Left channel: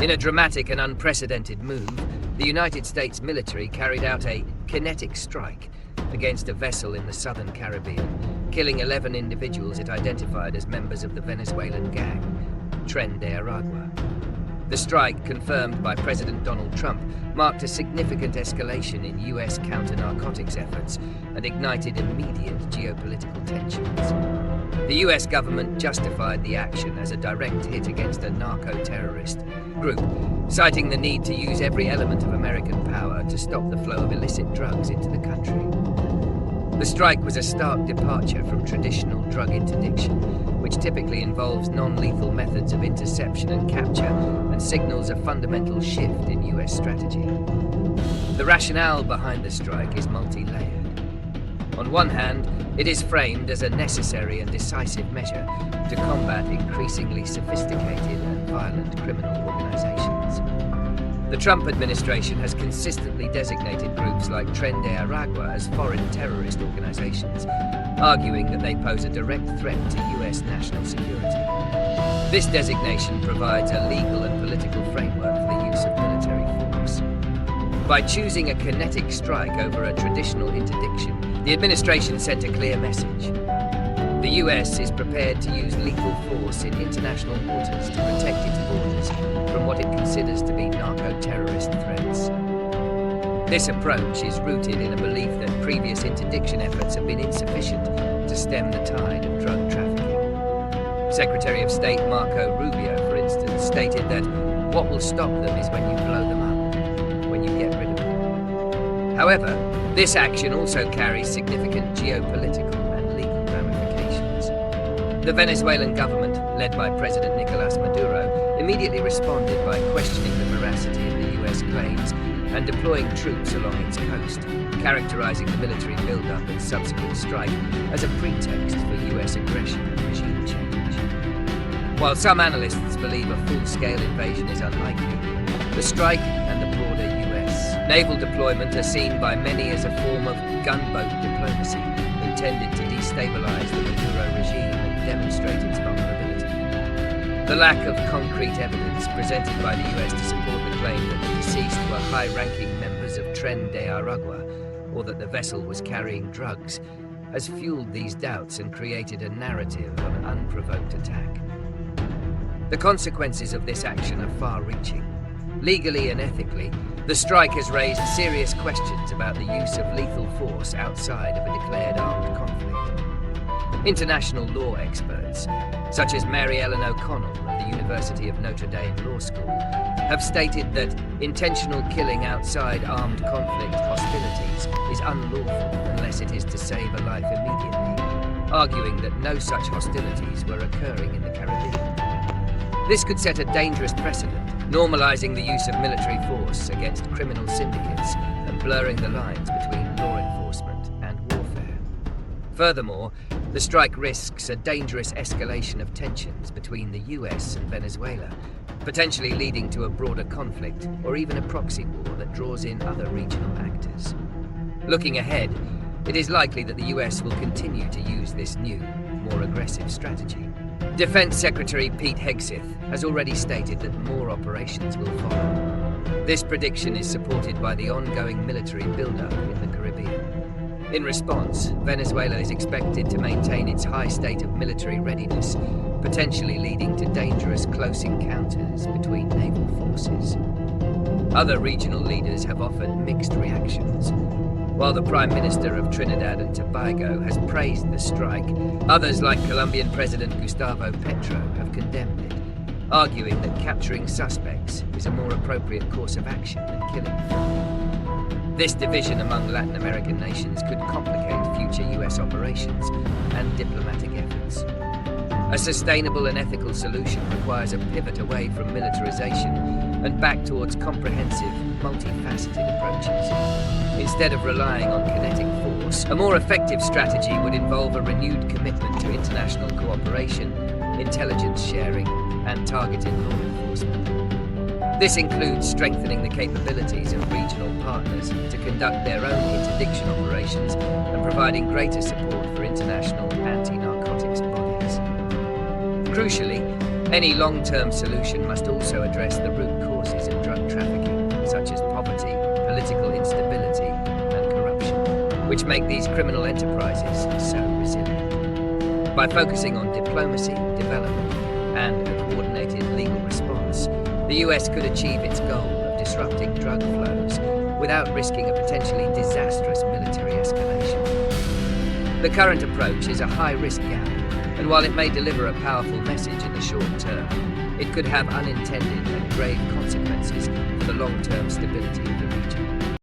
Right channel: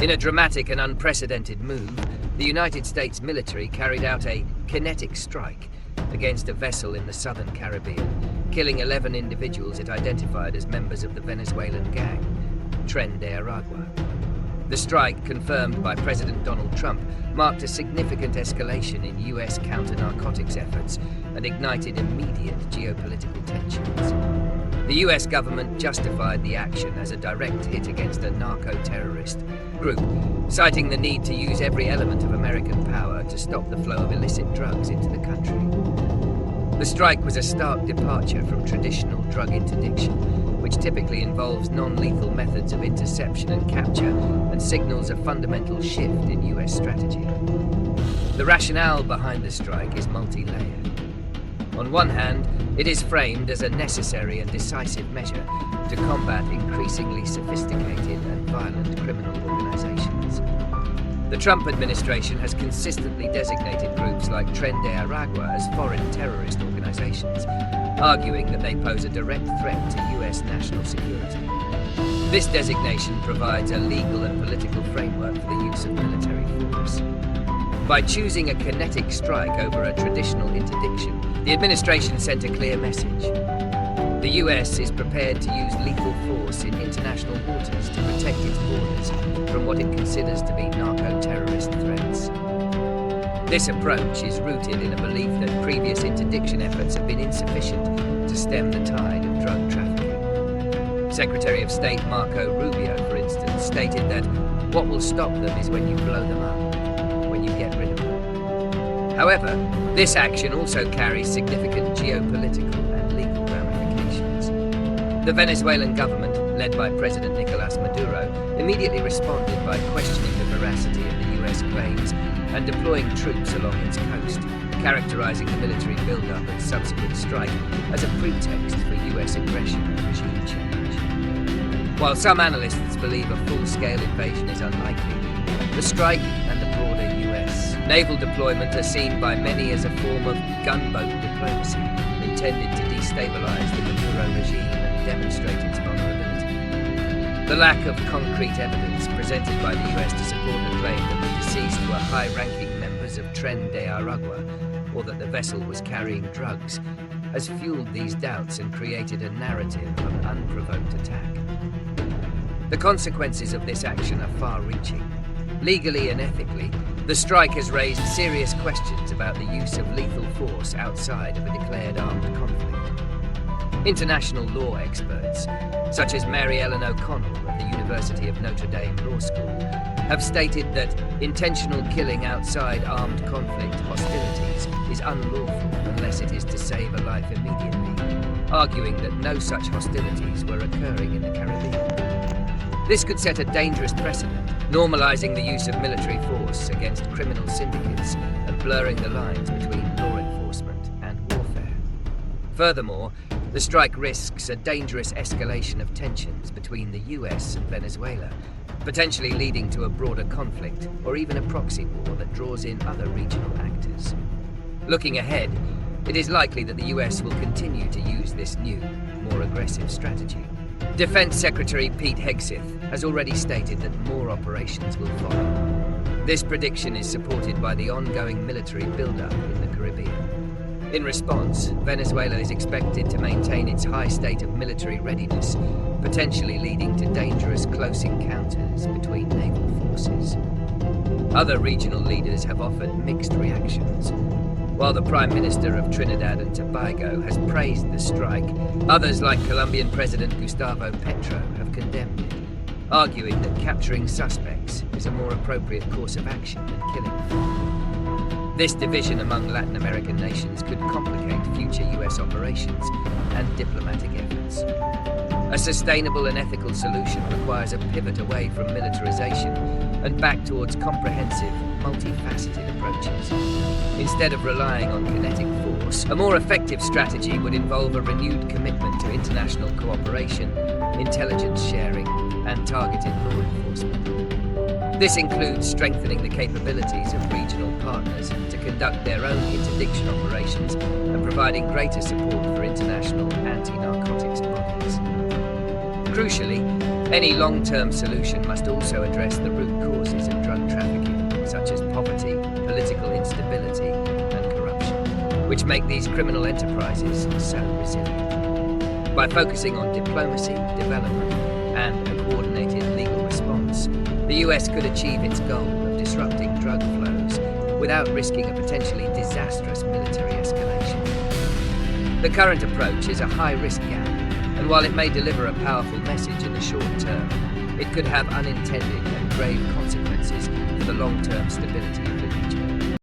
In a dramatic and unprecedented move, the United States military carried out a kinetic strike against a vessel in the southern Caribbean, killing 11 individuals it identified as members of the Venezuelan gang, Tren de Aragua. The strike, confirmed by President Donald Trump, marked a significant escalation in US counter-narcotics efforts and ignited immediate geopolitical tensions. The US government justified the action as a direct hit against a narco-terrorist group, citing the need to use every element of American power to stop the flow of illicit drugs into the country. The strike was a stark departure from traditional drug interdiction, which typically involves non-lethal methods of interception and capture and signals a fundamental shift in US strategy. The rationale behind the strike is multi-layered. On one hand, it is framed as a necessary and decisive measure to combat increasingly sophisticated and violent criminal organizations. The Trump administration has consistently designated groups like Tren de Aragua as foreign terrorist organizations, arguing that they pose a direct threat to US national security. This designation provides a legal and political framework for the use of military force. By choosing a kinetic strike over a traditional interdiction, the administration sent a clear message. The US is prepared to use lethal force in international waters to protect its borders from what it considers to be narco-terrorist threats. This approach is rooted in a belief that previous interdiction efforts have been insufficient to stem the tide of drug trafficking. Secretary of State Marco Rubio, for instance, stated that what will stop them is when you blow them up, when you get rid of them. However, this action also carries significant geopolitical and legal ramifications. The Venezuelan government, led by President Nicolás Maduro, immediately responded by questioning the veracity of the US claims and deploying troops along its coast, characterizing the military buildup and subsequent strike as a pretext for US aggression and regime change. While some analysts believe a full-scale invasion is unlikely, the strike and the broader US naval deployment are seen by many as a form of gunboat diplomacy intended to destabilize the Maduro regime and demonstrate its vulnerability. The lack of concrete evidence presented by the US to support the claim that the deceased were high-ranking members of Tren de Aragua or that the vessel was carrying drugs has fueled these doubts and created a narrative of an unprovoked attack. The consequences of this action are far-reaching. Legally and ethically, the strike has raised serious questions about the use of lethal force outside of a declared armed conflict. International law experts, such as Mary Ellen O'Connell of the University of Notre Dame Law School, have stated that intentional killing outside armed conflict hostilities is unlawful unless it is to save a life immediately, arguing that no such hostilities were occurring in the Caribbean. This could set a dangerous precedent, normalizing the use of military force against criminal syndicates and blurring the lines between law enforcement and warfare. Furthermore, the strike risks a dangerous escalation of tensions between the US and Venezuela, potentially leading to a broader conflict or even a proxy war that draws in other regional actors. Looking ahead, it is likely that the US will continue to use this new, more aggressive strategy. Defense Secretary Pete Hegseth has already stated that more operations will follow. This prediction is supported by the ongoing military buildup in the Caribbean. In response, Venezuela is expected to maintain its high state of military readiness, potentially leading to dangerous close encounters between naval forces. Other regional leaders have offered mixed reactions. While the Prime Minister of Trinidad and Tobago has praised the strike, others like Colombian President Gustavo Petro have condemned it, arguing that capturing suspects is a more appropriate course of action than killing them. This division among Latin American nations could complicate future US operations and diplomatic efforts. A sustainable and ethical solution requires a pivot away from militarization and back towards comprehensive, multifaceted approaches. Instead of relying on kinetic force, a more effective strategy would involve a renewed commitment to international cooperation, intelligence sharing, and targeted law enforcement. This includes strengthening the capabilities of regional partners to conduct their own interdiction operations and providing greater support for international anti-narcotics bodies. Crucially, Any long-term solution must also address the root causes of drug trafficking, such as poverty, political instability, and corruption, which make these criminal enterprises so resilient. By focusing on diplomacy, development, and a coordinated legal response, the US could achieve its goal of disrupting drug flows without risking a potentially disastrous military escalation. The current approach is a high-risk gamble, and while it may deliver a powerful message in the short term, it could have unintended and grave consequences for the long-term stability of the region.